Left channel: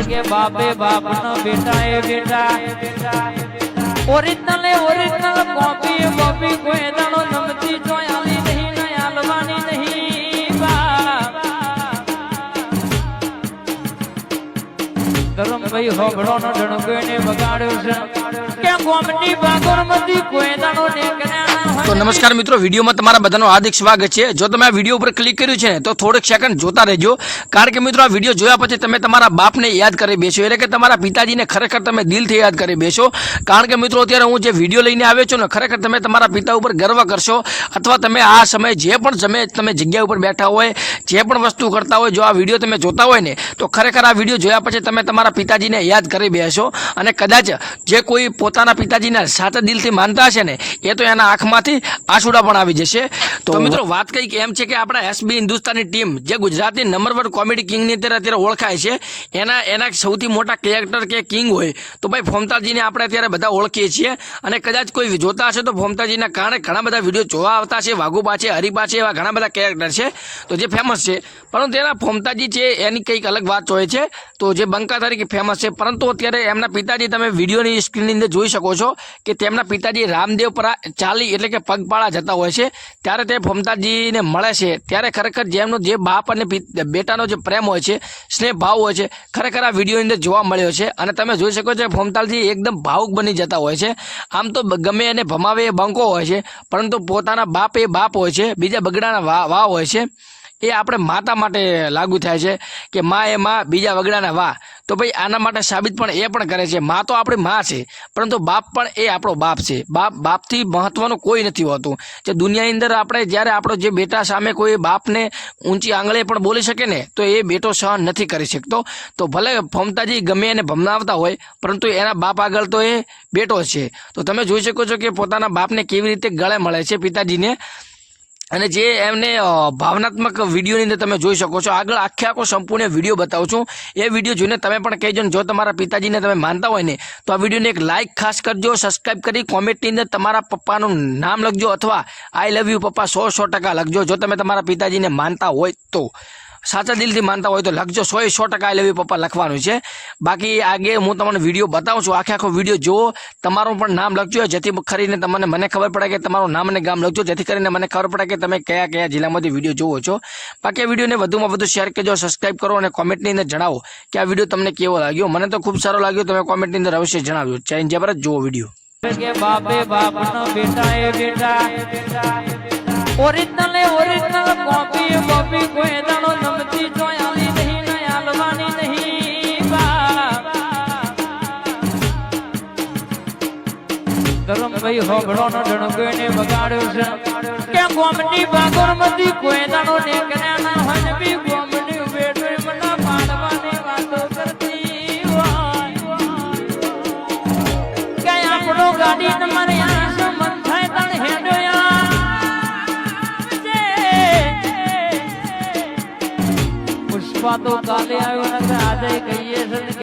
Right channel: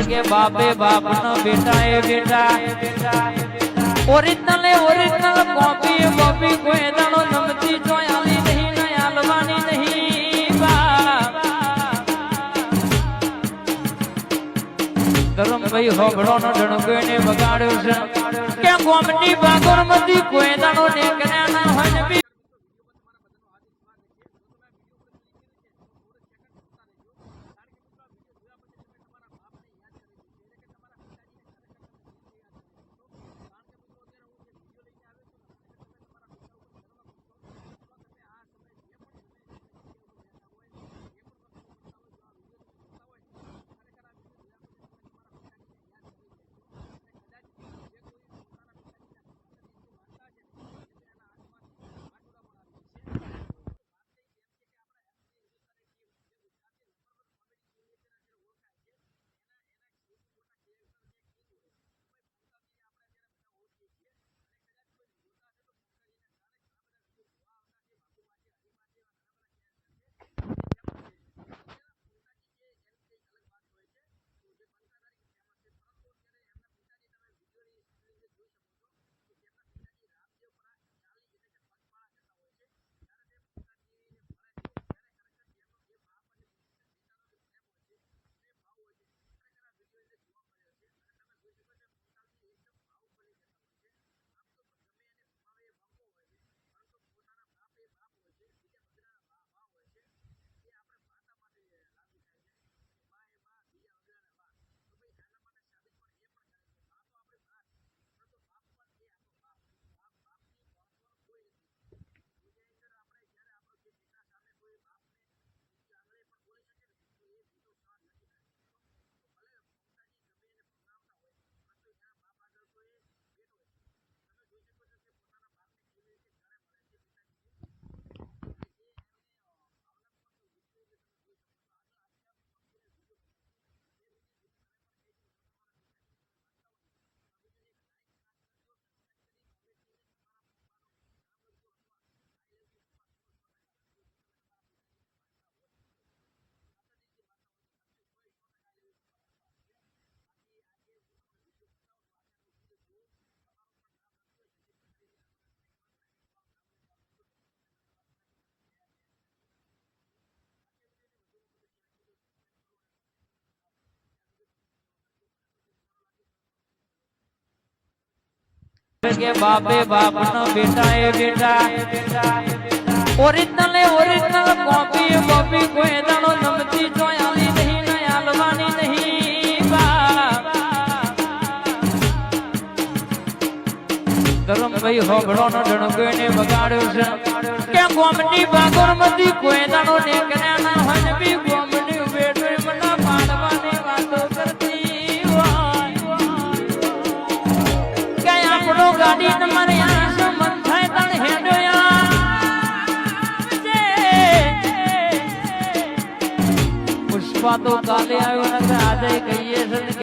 કે બાપે બાપ નો બેટા એ બેટા. ઓરિજિનલ ઓરિજિનલ કોપી કોપી કોઈ ધરમભાઈ હોબળો નો ડણકો ને બગાડ્યો છે. કે ગોમની બાગોરમતી કોઈ દાણો નીકળ્યા નમસ્કાર મિત્રો વિડીયોમાં તમારા બધાનો હાર્દિક સ્વાગત છે. જો તમે આ વીડિયો ઉપર ક્લિક કર્યું છે તો થોડીક સેકન્ડ જોતા રહેજો. કારણ કે મિત્રો આ વીડિયો જોયા પછી તમે તમારા બાપને યાદ કરી બેસો. એટલે કે તમારા પિતાજીને ખરેખર તમે દિલથી યાદ કરી બેસો. કારણ કે મિત્રો અત્યારે હું જે વીડિયો લઈને આવ્યો છું ને ખરેખર તમે તમારા પિતા ઉપર ગર્વ કરશો. અથવા તમે આ સમયે જે પણ સમયે તમે જગ્યા ઉપર બેઠા હોય જે પણ વસ્તુ કરતા હોય જો આ વીડિયો તમે જોતા હોય ને તો ખરેખર આ વીડિયો જોયા પછી તમે તમારા પિતાજીને યાદ કરી બેસો અને કદાચ જે કોઈ પોતાના પિતાજીને સાચા દિલથી માનતા હશે ને એ તો એના આંખમાંથી આંસુડા પણ આવી જશે. તો મિત્રો વાત કંઈક એમ છે કે આપણા એસબી હિન્દુસ્તાની ટીમ જે ગુજરાતની નંબર વન કોમેડી કિંગની અત્યારે અત્યારે ઓળખાય છે એના એના સૌથી મોટા કેરેક્ટર કે કિંગ હોય તો ભાઈ ફોમતાજીને આપણે અત્યારે બધા ઓળખીએ છીએ. અને કદાચ કોઈ જોતા હશે તો ફોમતાજીના કારણે ઘણા બધા વીડિયો જોવા આવતા છે વાઘુબા છે હરિબા છે એવા ઘણા બધા કેરેક્ટર છે તો જે ફેમસ છે. પરંતુ એના ફોમતાજી છે એની કંઈક અલગ વાત હોય છે. તો જે બંકા તરીકે ફેમસ છે. પરંતુ અત્યારે એમના પિતાજી તમે વિડીયોની સ્ક્રીનની અંદર જોઈ શકો છો કે તેમના પિતાજી રામદેવ પર ચાલી એટલે કે પગપાળા જતા હોય છે. ત્યારે તે ફોમતાજીને મળે છે. ત્યારે ખરેખર જેમનો જે બાપ અને બેટાનો જે પ્રેમ હોય છે, સ્નેહ ભાવ હોય છે, ખરેખર આ વિડીયોની અંદર જોવા મળ્યો છે. અને તમે જોઈ શકો છો ફોમતાલજી એકદમ ભાવુક બની જતા હોય છે. આમ તો ગમે એને ભમાવે એ બંકો હોય છે, પરંતુ પોતાના બાપ એ બાપ હોય છે, બીજા બગડાના વા વા હોય છે. એ આપણે માતા માટે લાગુ થાય છે કે મા એ મા, બીજા વગડાના વા. તો ભાઈ આના માટે સાબિત પણ એ પણ કરે છે, મા તો આપણી મા છે, પરંતુ બાપ પણ એ આપણો બાપ છે. બાપ, બાપથી મહત્વનું કોઈ નથી હોતું. જે દુનિયાની અંદર આપણે જ્યારે આપણો જે બેટા સામે કોઈ બાપને ઊંચી આંગળે પણ બોલી શકે ને, તો એ બેટો સહન નથી કરી શકતો. તો ભલે ફમતાજી ગમે એને ભમનાવતા હોય, પરંતુ એના બાપ આગળ તો એ બેટો છે. તો તમે જોઈ શકો છો કે પોતાના બાપને કેવી રીતે ગળે મળે છે પિતાજીને. અને જે એમને ભાવનાત્મક વિડીયોની અંદર તમે જોઈ શકો છો. આગળ આખે આખો સંપૂર્ણ વીડિયો બતાવું છું. એ વીડિયો જોઈને તમે પણ કહેજો જો તમારા પિતાજીને તમે માનતા હોય ને, તો આ વિડીયોને એક લાઇક ખાસ કરજો સબસ્ક્રાઇબ કરી કોમેન્ટની અંદર તમારા પપ્પાનું નામ લખજો અથવા આઈ લવ યુ પપ્પા સો સો ટકા લખજો. જો તમે તમારા પિતાજીને માનતા હોય તો. સાચા દિલથી માનતા હોય તો લખજો. સો સો ટકા આઈ લવ પપ્પા લખવાનું છે. બાકી આગે હું તમને વીડિયો બતાવું છું. આખે આખો વીડિયો જુઓ. તમારું પણ નામ લખજો. જેથી કરીને તમને મને ખબર પડે કે તમારું નામ અને ગામ લખજો. જેથી કરીને મને ખબર પડે કે તમે કયા કયા જિલ્લામાંથી વીડિયો જોવો છો. બાકી વિડીયોને વધુમાં વધુ શેર કરજો સબસ્ક્રાઈબ કરો અને કોમેન્ટની અંદર જણાવો કે આ વીડિયો તમને કેવો લાગ્યો. મને તો ખૂબ સારો લાગ્યો. તમે કોમેન્ટની અંદર અવશ્ય જણાવજો. ચાઇન જબરત જુઓ વીડિયો. કે બાપે બાપ નો બેટા એ બેટા. ઓરિજિનલ ઓરિજિનલ કોપી કોપી કોઈ ધરમભાઈ હોબળો નો ડણકો એને બગાડ્યો છે. કે ગોમની બાગોરમતી કોઈ દાડો નીકળ્યા ના હોય બી ગોમની બેટો મના પાડવાની વાતો કરતી હોય. કે આપણો ગાડી તમારે આ સંબંધ થાય તણ હેડો પુષ્પા તો કાલે આવ્યો ને આજે કહીએ છે ને